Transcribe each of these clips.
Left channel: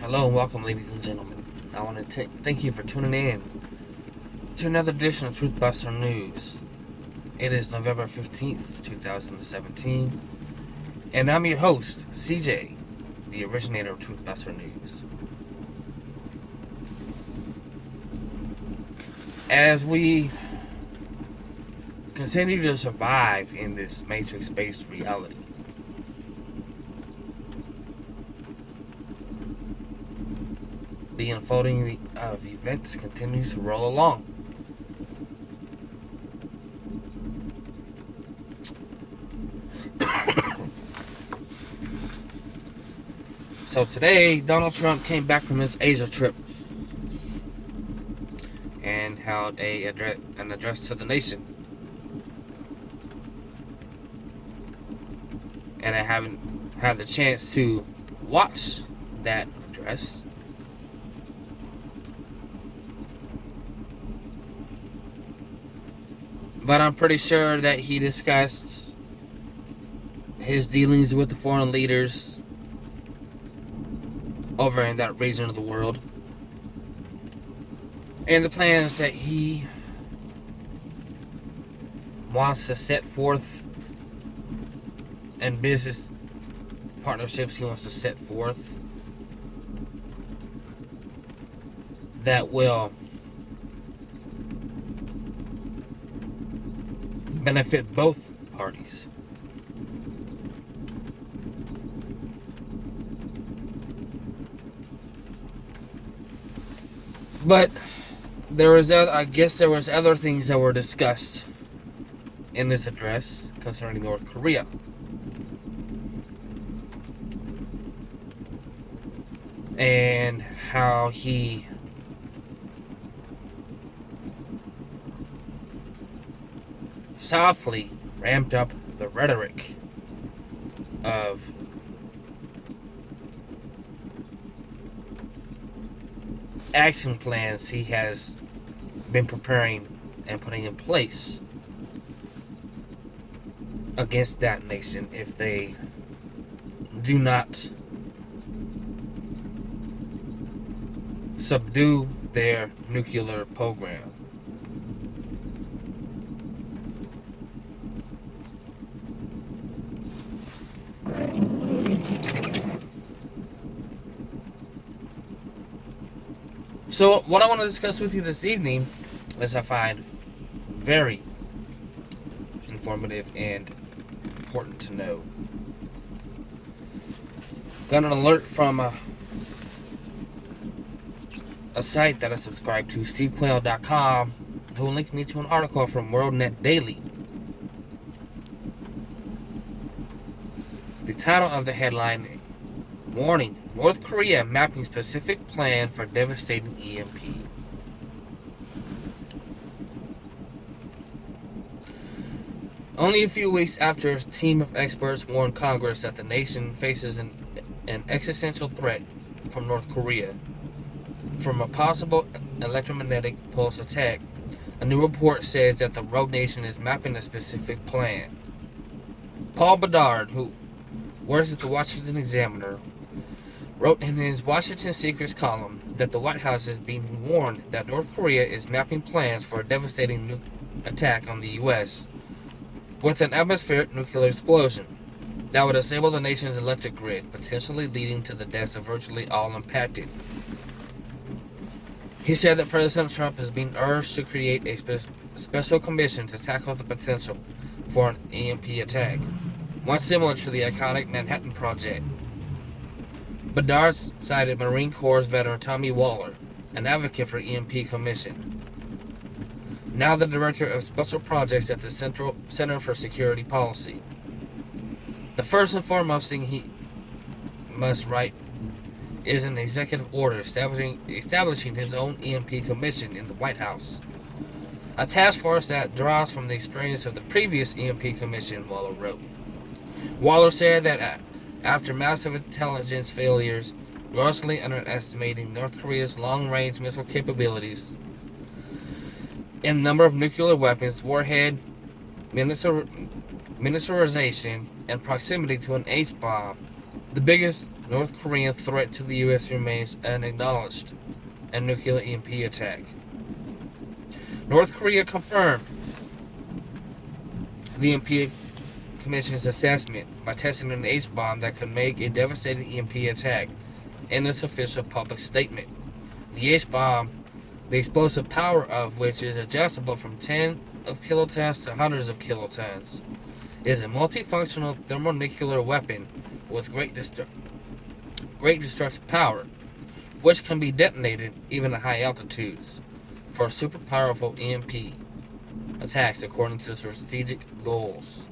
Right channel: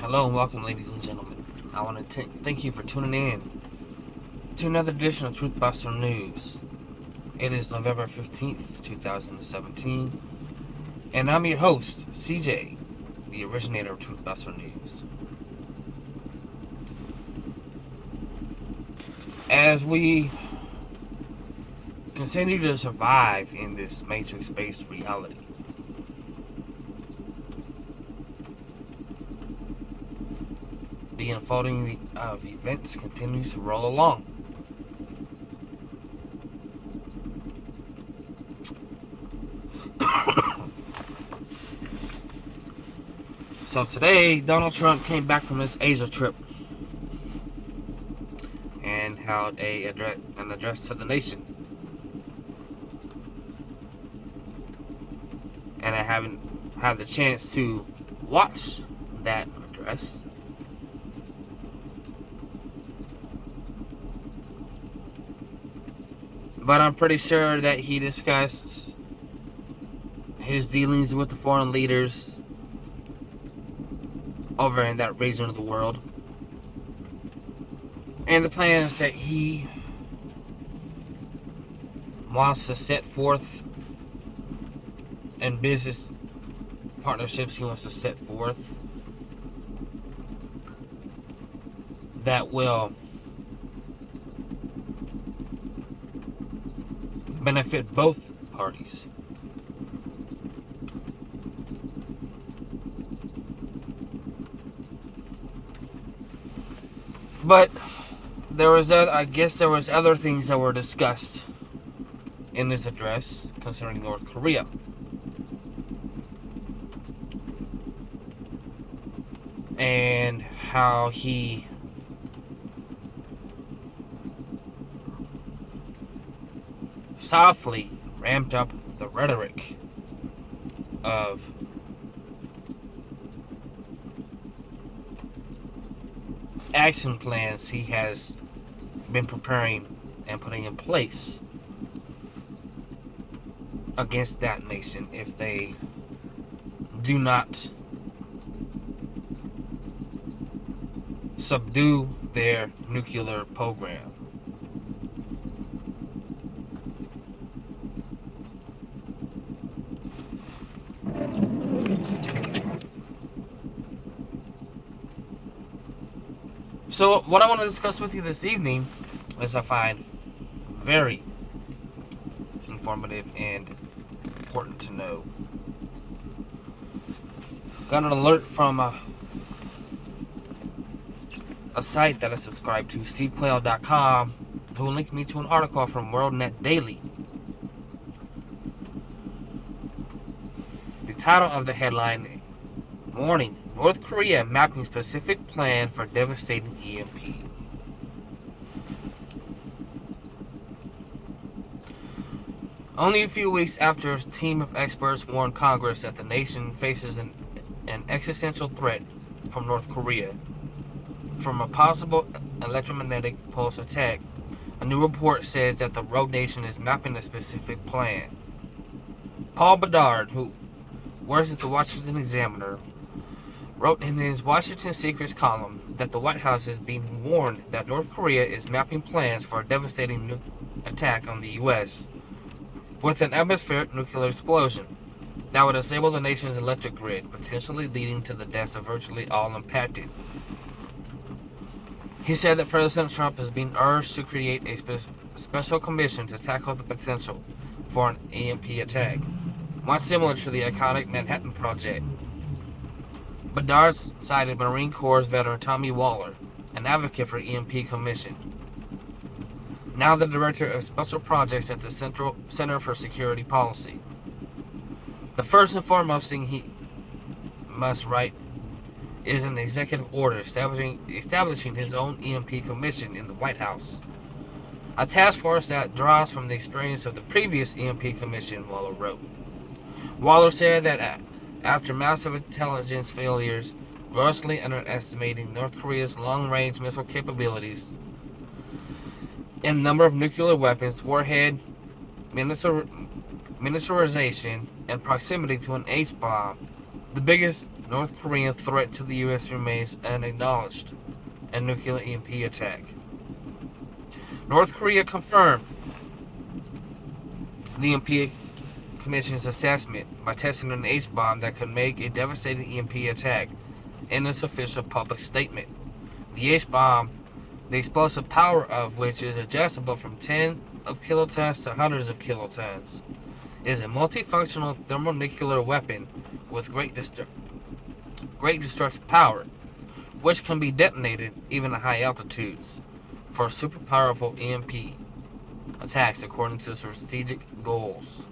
Hello and welcome, ladies and gentlemen. I want to thank you for tuning in to another edition of Truthbuster News. It is November 15th, 2017, and I'm your host, CJ, the originator of Truthbuster News. As we continue to survive in this matrix-based reality, the unfolding of events continues to roll along. So today, Donald Trump came back from his Asia trip and held an address to the nation. And I haven't had the chance to watch that address. But I'm pretty sure that he discussed his dealings with the foreign leaders over in that region of the world, and the plans that he wants to set forth, and business partnerships he wants to set forth that will benefit both parties. But there was other things that were discussed in this address concerning North Korea. And how he softly ramped up the rhetoric of action plans he has been preparing and putting in place against that nation if they do not subdue their nuclear program. So what I want to discuss with you this evening is I find very informative and important to know. Got an alert from a site that I subscribe to, stevequail.com, who linked me to an article from WorldNet Daily. The title of the headline: Warning, North Korea mapping specific plan for devastating EMP. Only a few weeks after a team of experts warned Congress that the nation faces an existential threat from North Korea from a possible electromagnetic pulse attack, a new report says that the rogue nation is mapping a specific plan. Paul Bedard, who works at the Washington Examiner, wrote in his Washington Secrets column that the White House is being warned that North Korea is mapping plans for a devastating attack on the U.S. with an atmospheric nuclear explosion that would disable the nation's electric grid, potentially leading to the deaths of virtually all impacted. He said that President Trump is being urged to create a special commission to tackle the potential for an EMP attack, one similar to the iconic Manhattan Project. Bedard cited Marine Corps veteran Tommy Waller, an advocate for EMP Commission, now the director of special projects at the Center for Security Policy. The first and foremost thing he must write is an executive order establishing his own EMP Commission in the White House, a task force that draws from the experience of the previous EMP Commission, Waller wrote. Waller said that after massive intelligence failures, grossly underestimating North Korea's long-range missile capabilities and number of nuclear weapons, warhead miniaturization, and proximity to an H-bomb, The biggest North Korean threat to the U.S. remains unacknowledged: a nuclear EMP attack. North Korea confirmed the EMP Commission's assessment by testing an H-bomb that could make a devastating EMP attack in its official public statement. The H-bomb, the explosive power of which is adjustable from tens of kilotons to hundreds of kilotons, is a multifunctional thermonuclear weapon with great destructive power, which can be detonated even at high altitudes for super powerful EMP attacks according to strategic goals.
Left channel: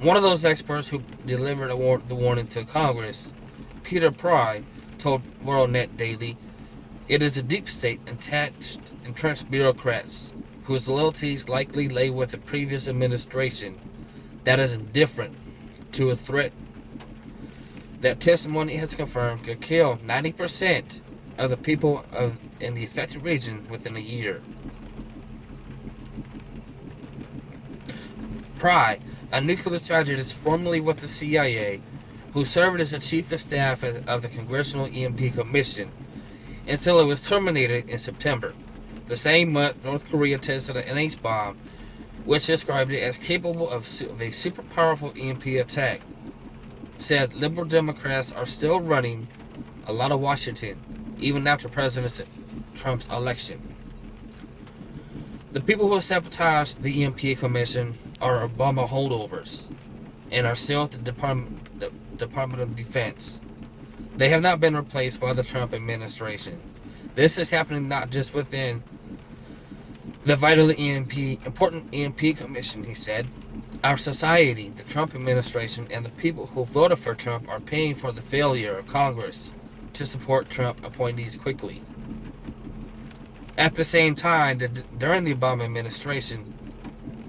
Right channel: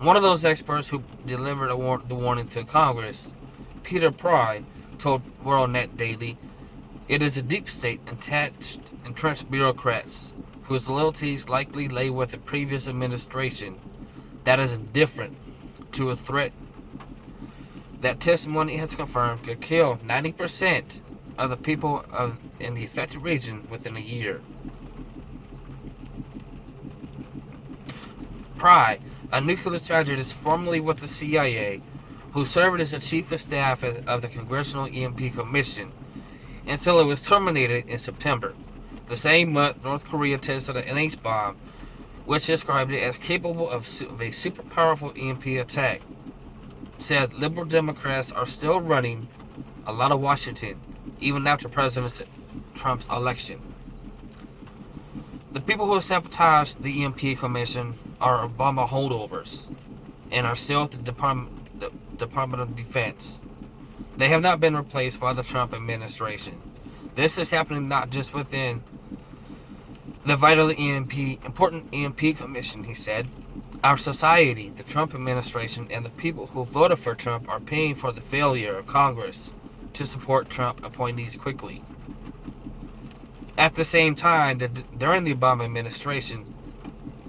One of those experts who delivered the warning to Congress, Peter Pry, told WorldNet Daily, "It is a deep state entrenched bureaucrats whose loyalties likely lay with the previous administration that is indifferent to a threat that testimony has confirmed could kill 90% of the people in the affected region within a year." Pry, a nuclear strategist formerly with the CIA, who served as the chief of staff of the Congressional EMP Commission until it was terminated in September. The same month, North Korea tested an H-bomb, which described it as capable of a super powerful EMP attack. Said liberal Democrats are still running a lot of Washington, even after President Trump's election. The people who sabotaged the EMP Commission are Obama holdovers and are still at the Department of Defense. They have not been replaced by the Trump administration. This is happening not just within the important EMP Commission, he said. Our society, the Trump administration, and the people who voted for Trump are paying for the failure of Congress to support Trump appointees quickly. At the same time, during the Obama administration,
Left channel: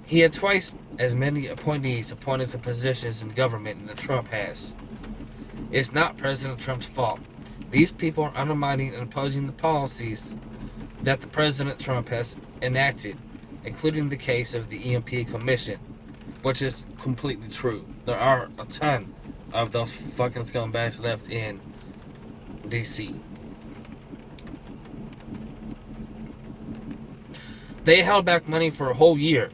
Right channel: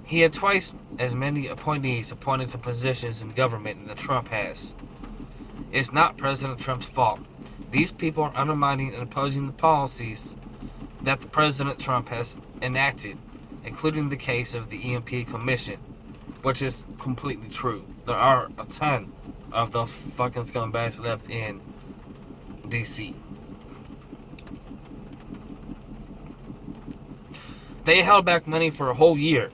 he had twice as many appointees appointed to positions in government than Trump has. It's not President Trump's fault. These people are undermining and opposing the policies that the President Trump has enacted, including the case of the EMP Commission, which is completely true. There are a ton of those fucking scumbags left in D.C. They held back money for a whole year.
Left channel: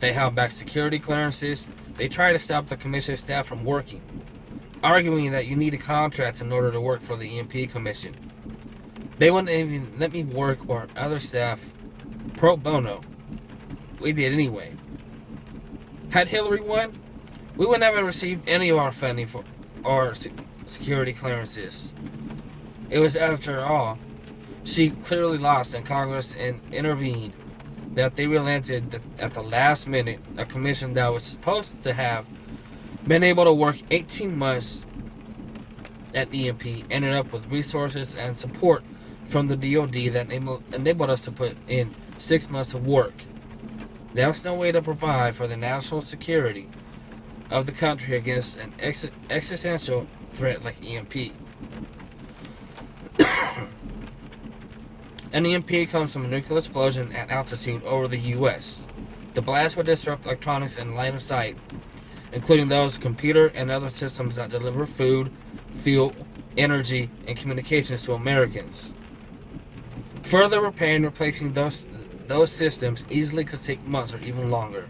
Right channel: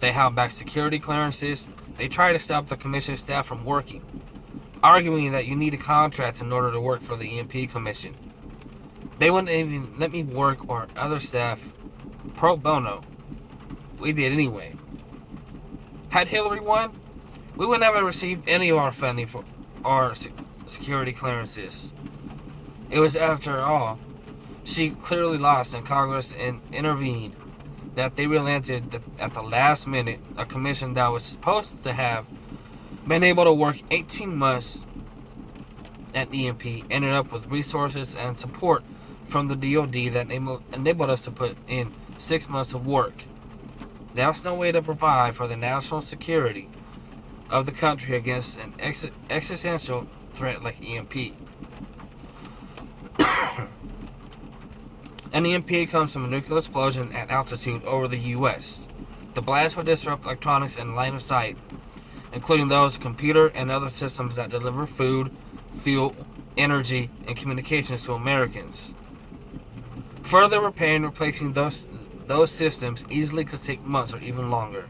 They held back security clearances. They tried to stop the commission staff from working, arguing that you need a contract in order to work for the EMP Commission. They wouldn't even let me work or other staff pro bono. We did anyway. Had Hillary won, we would never received any of our funding for our security clearances. It was, after all, she clearly lost and Congress intervened, that they relented that at the last minute a commission that was supposed to have been able to work 18 months at EMP ended up with resources and support from the DoD that enabled us to put in 6 months of work. That's no way to provide for the national security of the country against an existential threat like EMP. An EMP comes from a nuclear explosion at altitude over the U.S. The blast would disrupt electronics in line of sight, including those computer and other systems that deliver food, fuel, energy, and communications to Americans. Further repair and replacing those systems easily could take months or even longer.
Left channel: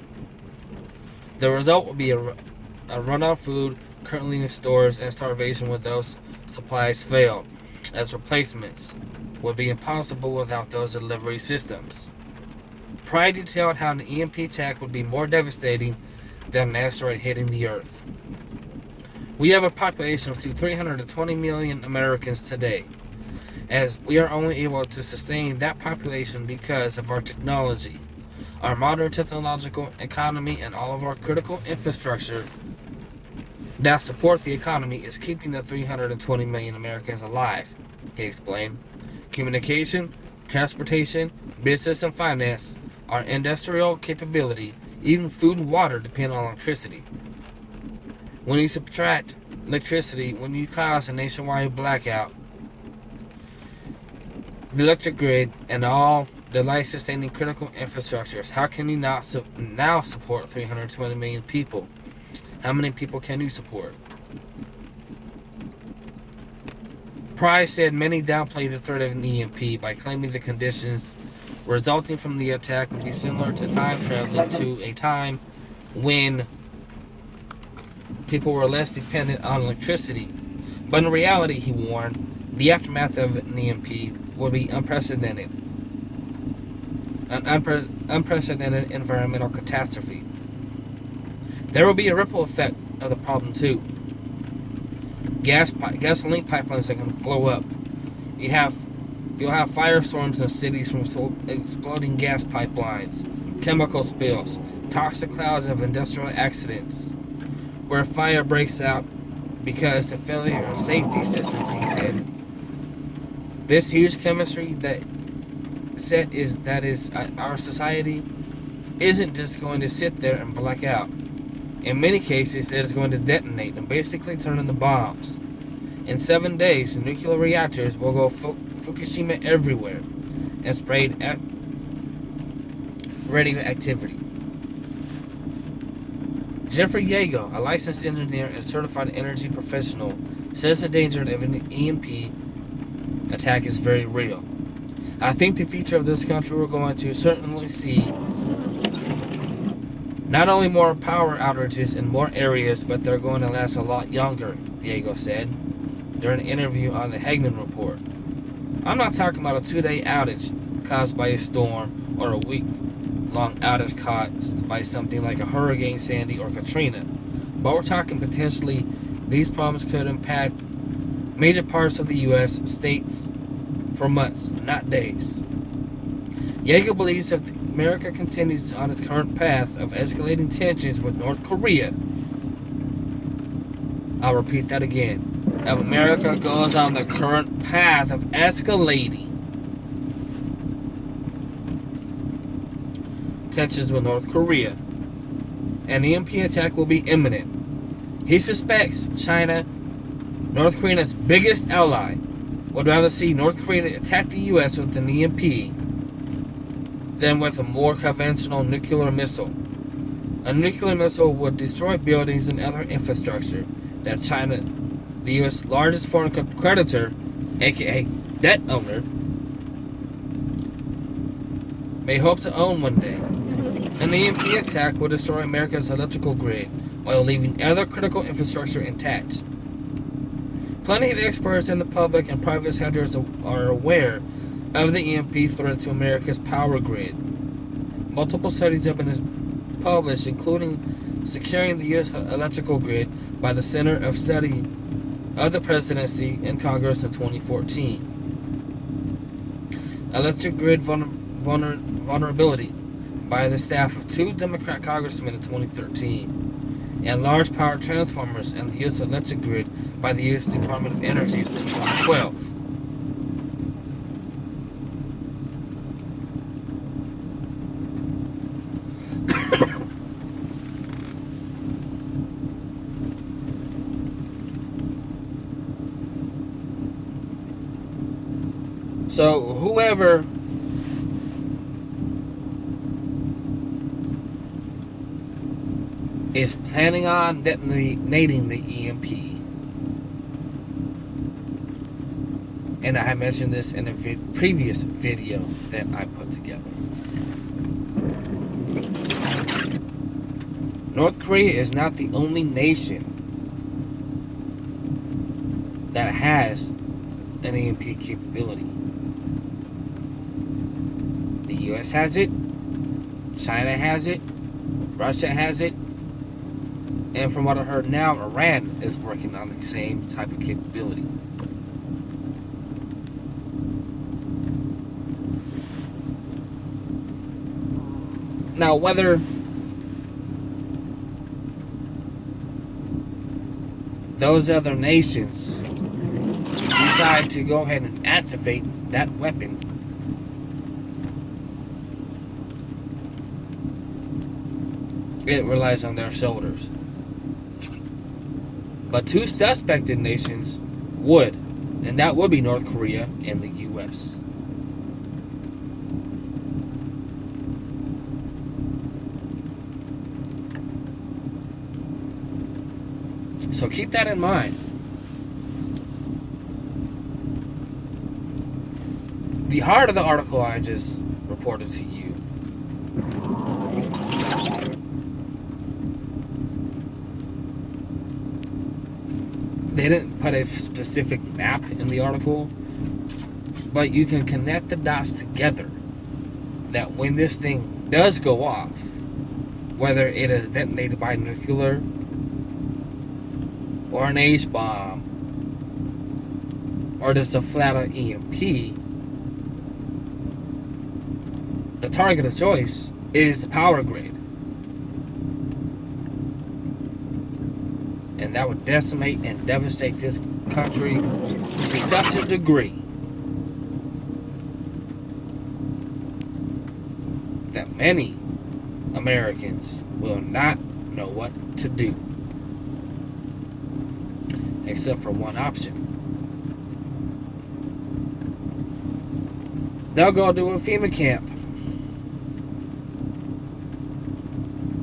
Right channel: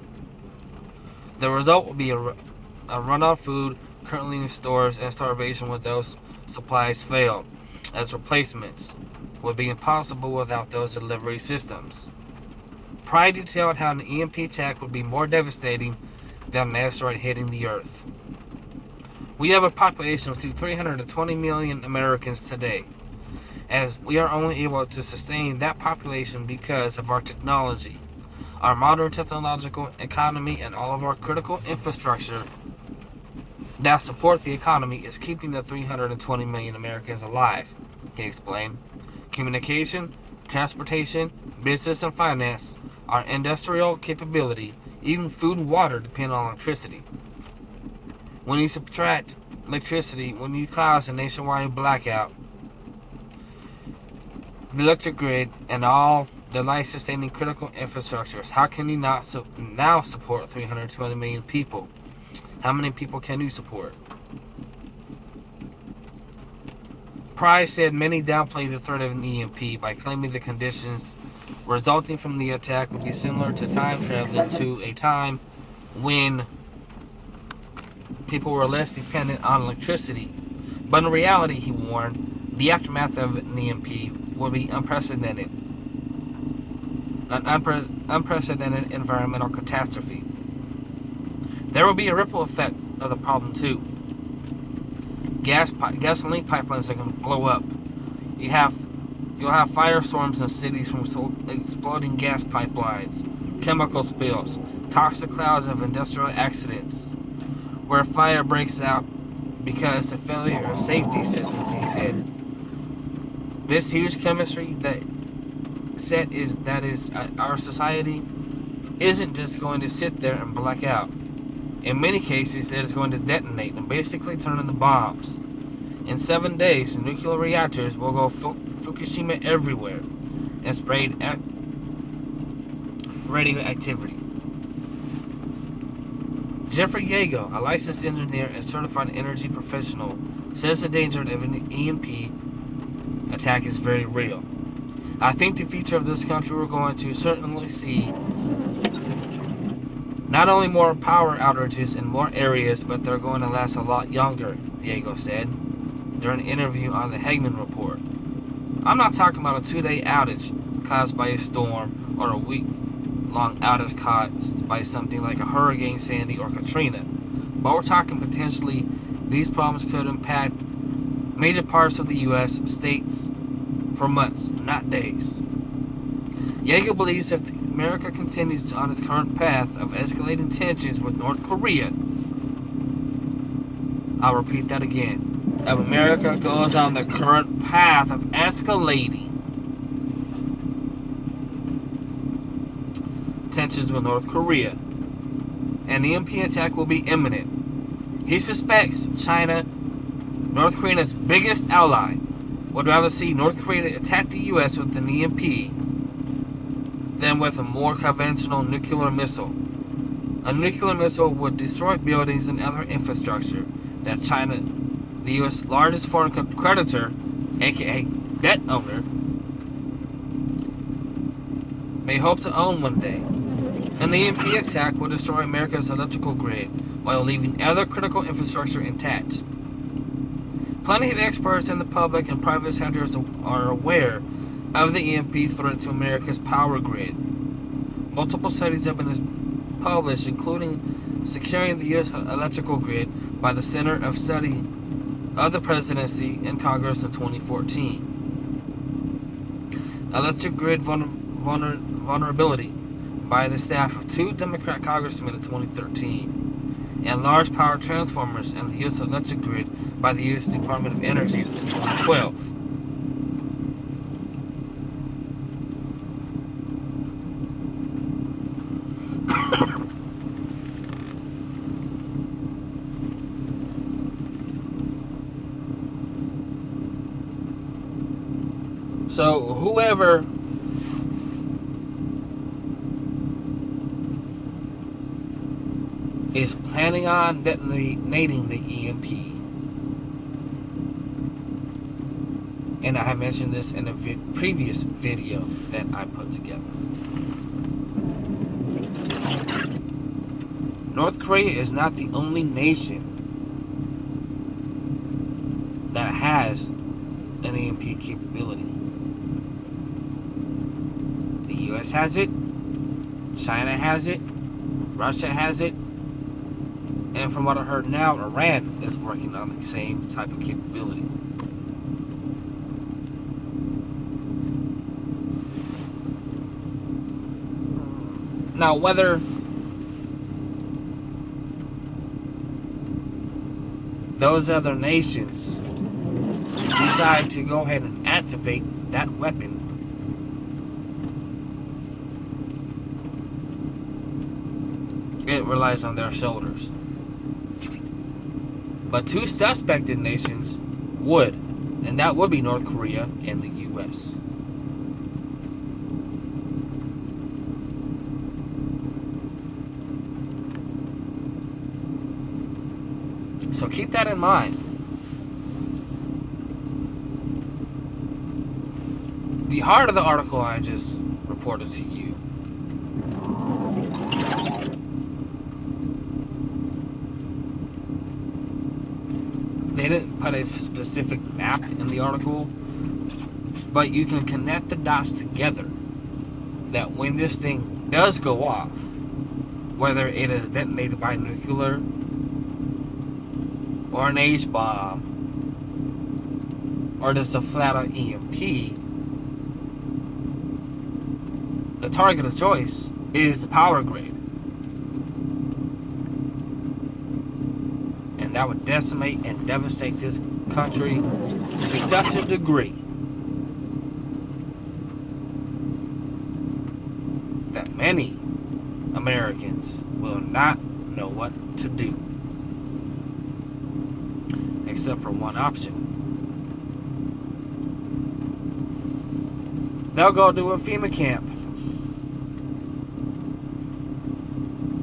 The result would be a run on food currently in stores and starvation when those supplies fail, as replacements would be impossible without those delivery systems. Pry detailed how an EMP attack would be more devastating than an asteroid hitting the Earth. We have a population of 320 million Americans today, as we are only able to sustain that population because of our technology. Our modern technological economy and all of our critical infrastructure that support the economy is keeping the 320 million Americans alive, he explained. Communication, transportation, business, and finance, our industrial capability, even food and water depend on electricity. When you subtract electricity, when you cause a nationwide blackout, the electric grid, and all the life-sustaining critical infrastructures, how can you not now support 320 million people? How many people can you support? Price said many downplay the threat of an EMP by claiming the conditions resulting from the attack would be similar to time traveling to a time when people were less dependent on electricity. But in reality, he warned, the aftermath of an EMP would be unprecedented. An unprecedented environmental catastrophe. There will be a ripple effect of the problem too. Gasoline pipelines are going to blow up. You'll have firestorms in cities from exploding gas pipelines, chemical spills, toxic clouds of industrial accidents, where fire breaks out because of failure of safety systems, he said. This huge chemistry that is our society isn't just going to sit there and black out. In many cases, it is going to detonate and basically turn into bombs. In 7 days, nuclear reactors will go Fukushima everywhere and spread radioactivity. Jeffrey Yago, a licensed engineer and certified energy professional, says the danger of an EMP attack is very real. I think the future of this country we're going to certainly see not only more power outages in more areas, but they're going to last a lot younger, Yago said during an interview on the Hagman Report. I'm not talking about a 2-day outage caused by a storm or a week-long outage caused by something like a Hurricane Sandy or Katrina, but we're talking potentially these problems could impact major parts of the U.S. states for months, not days. Yeager believes if America continues on its current path of escalating tensions with North Korea, I'll repeat that again. If America goes on the current path of escalating tensions with North Korea, an EMP attack will be imminent. He suspects China, North Korea's biggest ally, would rather see North Korea attack the U.S. with an EMP than with a more conventional nuclear missile. A nuclear missile would destroy buildings and other infrastructure that China, the U.S. largest foreign creditor, aka debt owner, may hope to own one day. An EMP attack would destroy America's electrical grid while leaving other critical infrastructure intact. Plenty of experts in the public and private sectors are aware of the EMP threat to America's power grid. Multiple studies have been published, including Securing the U.S. Electrical Grid by the Center of Study of the Presidency and Congress in 2014. Electric Grid Vulnerability by the staff of 2 Democrat congressmen in 2013. And Large Power Transformers and the U.S. Electric Grid by the U.S. Department of Energy in 2012. So whoever is planning on detonating the EMP, and I mentioned this in a previous video that I put together, North Korea is not the only nation that has an EMP capability. The US has it, China has it, Russia has it, and from what I heard now, Iran is working on the same type of capability. Now, whether those other nations decide to go ahead and activate that weapon, it relies on their shoulders. But 2 suspected nations would, and that would be North Korea and the U.S. So keep that in mind. the heart of the article I just reported to you. They didn't put a specific map in the article, but you can connect the dots together that when this thing does go off, whether it is detonated by nuclear or an H-bomb or just a flat-out EMP, the target of choice is the power grid. And that would decimate and devastate this country to such a degree that many Americans will not know what to do, except for one option. They'll go to a FEMA camp,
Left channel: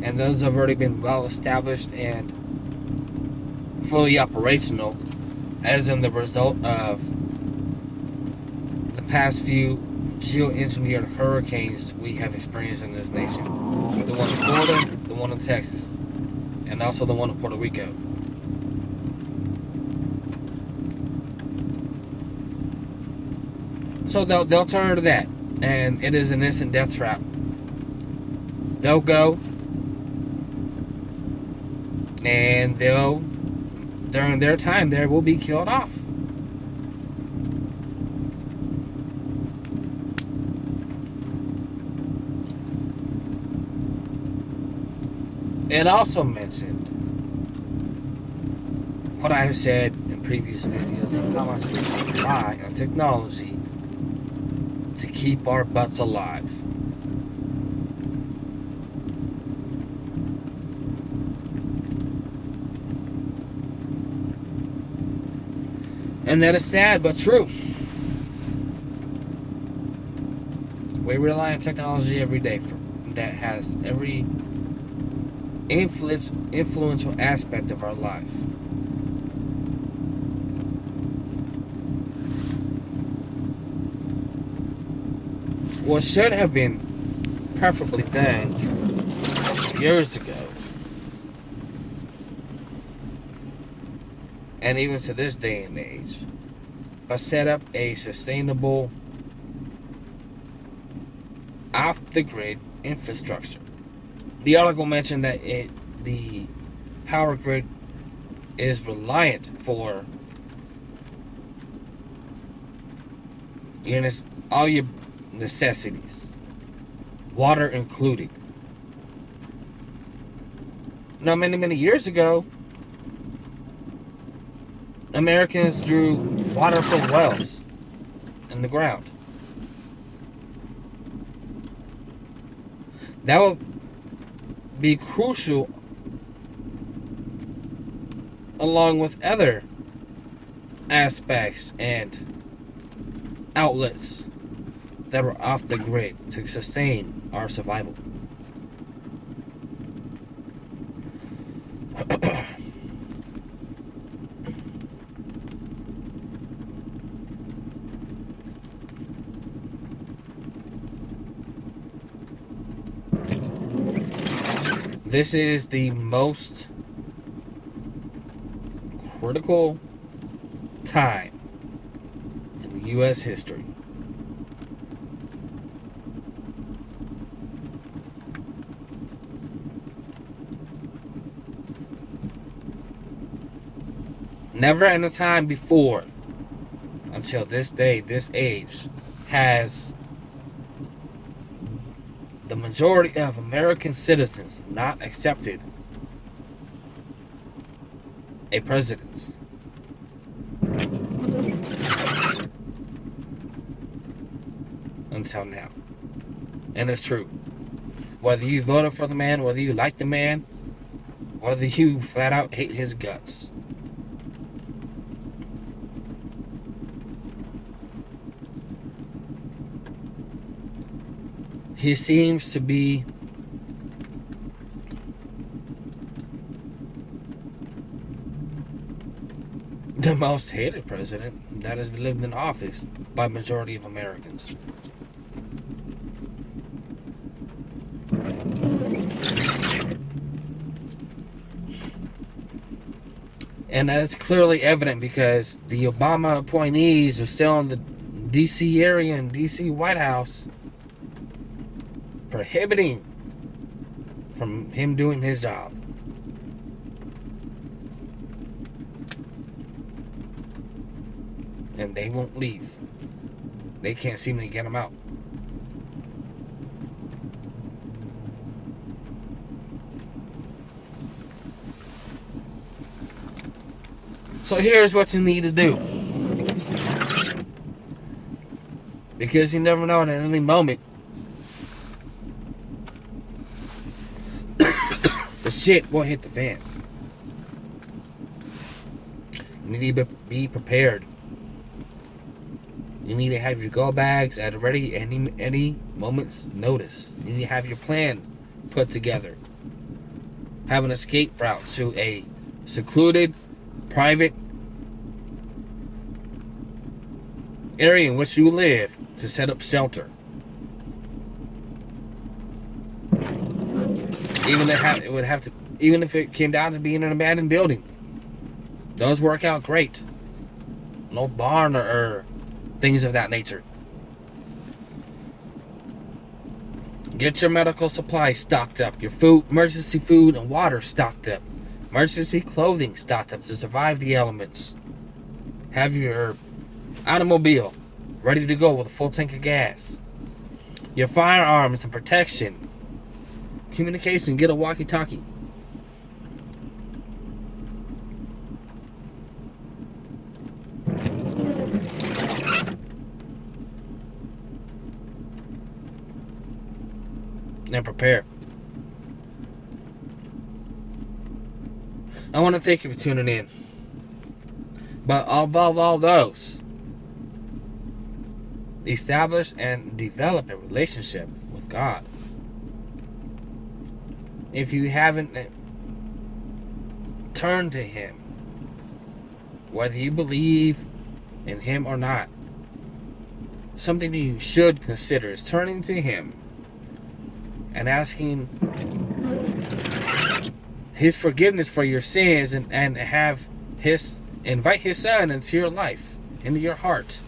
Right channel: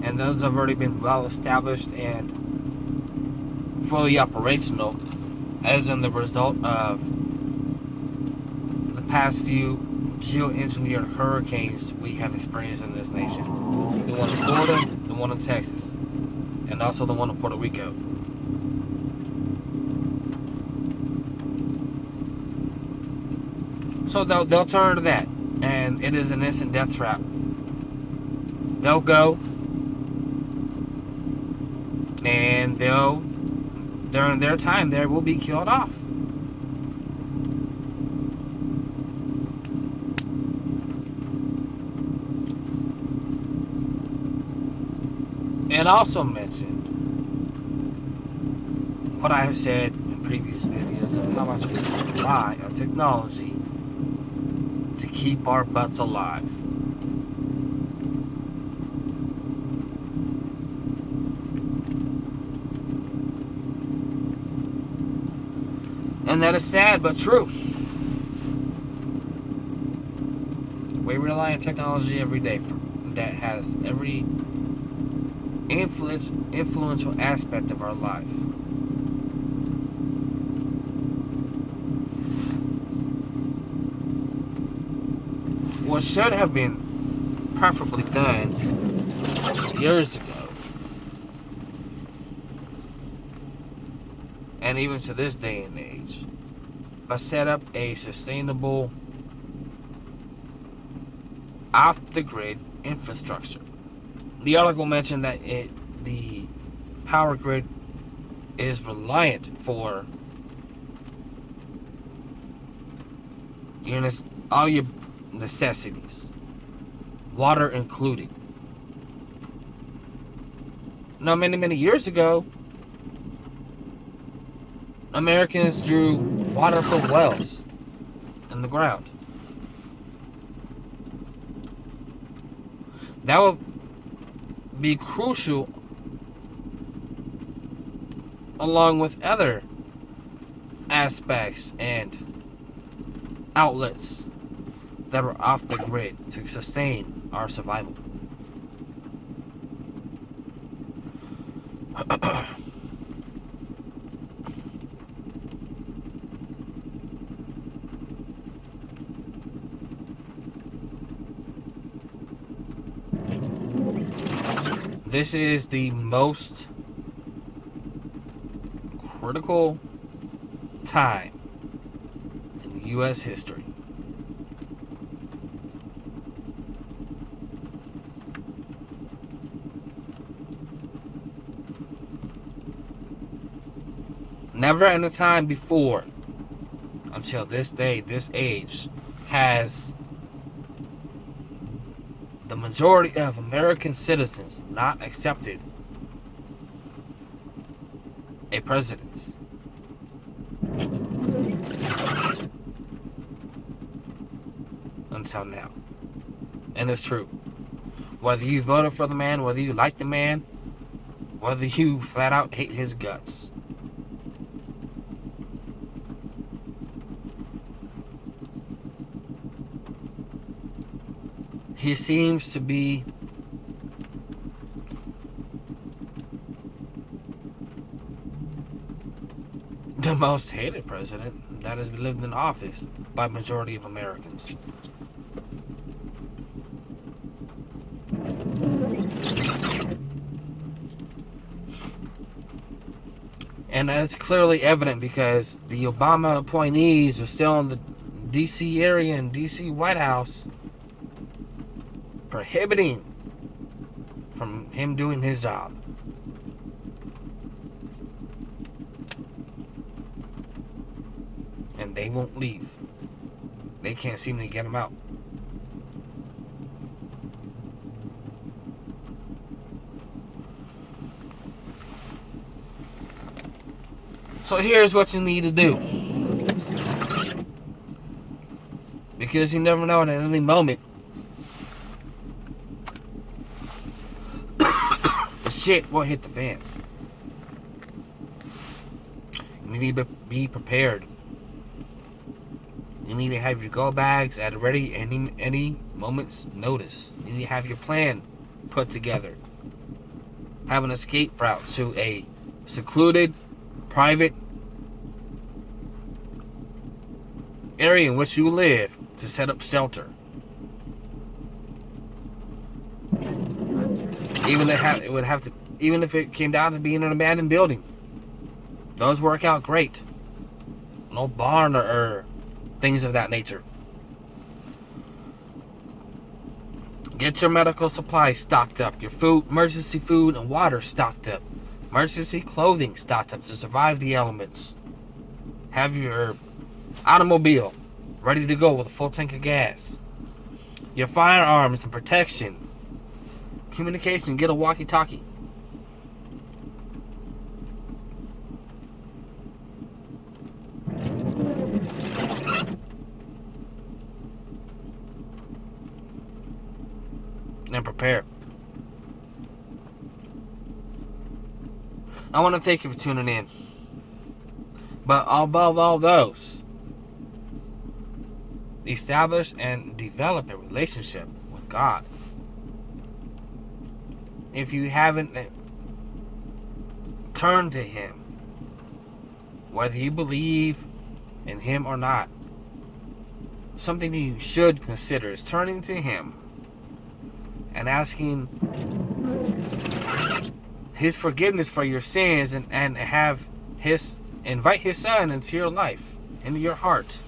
and those have already been well established and fully operational, as in the result of the past few geoengineered hurricanes we have experienced in this nation. The one in Florida, the one in Texas, and also the one in Puerto Rico. So they'll turn to that, and it is an instant death trap. They'll go, and they'll, during their time there, will be killed off. It also mentioned what I have said in previous videos of how much we rely on technology to keep our butts alive. And that is sad but true. We rely on technology every day that has every influential aspect of our life. What should have been preferably done years ago, and even to this day and age, but set up a sustainable off-the-grid infrastructure. The article mentioned that the power grid is reliant for all your necessities, water included. Now, many years ago, Americans drew water from wells in the ground. That would be crucial along with other aspects and outlets that were off the grid to sustain our survival. This is the most critical time in U.S. history. Never in a time before, until this day, this age, has the majority of American citizens not accepted a president. Until now. And it's true. Whether you voted for the man, whether you like the man, whether you flat out hate his guts. He seems to be the most hated president that has lived in office by majority of Americans. And that's clearly evident because the Obama appointees are still in the D.C. area and D.C. White House, prohibiting from him doing his job. And they won't leave. They can't seem to get him out. So here's what you need to do. Because you never know, at any moment the shit will hit the fan. You need to be prepared. You need to have your go bags at ready any moment's notice. You need to have your plan put together. Have an escape route to a secluded, private area in which you live to set up shelter. Even if it came down to being an abandoned building, those work out great. No barn or things of that nature. Get your medical supplies stocked up, your food, emergency food and water stocked up, emergency clothing stocked up to survive the elements. Have your automobile ready to go with a full tank of gas. Your firearms and protection. Communication, get a walkie-talkie. And prepare. I want to thank you for tuning in. But above all those, establish and develop a relationship with God. If you haven't turned to Him, whether you believe in Him or not, something you should consider is turning to Him and asking His forgiveness for your sins and have invite His Son into your life, into your heart.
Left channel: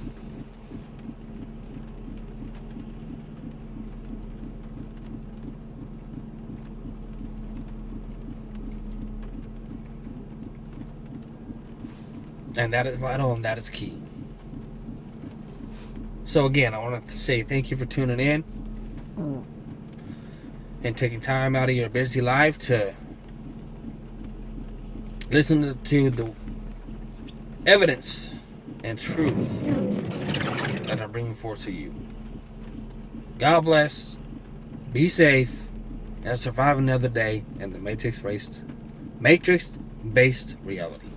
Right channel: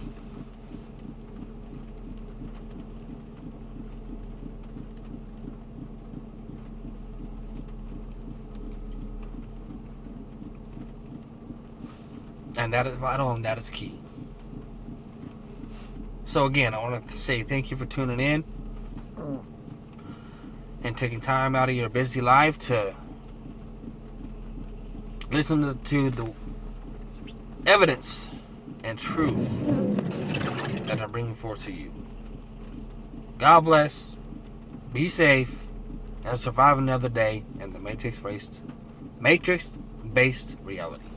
And that is vital and that is key. So again, I want to say thank you for tuning in and taking time out of your busy life to listen to the evidence and truth that I'm bringing forth to you. God bless, be safe, and survive another day in the Matrix-based reality.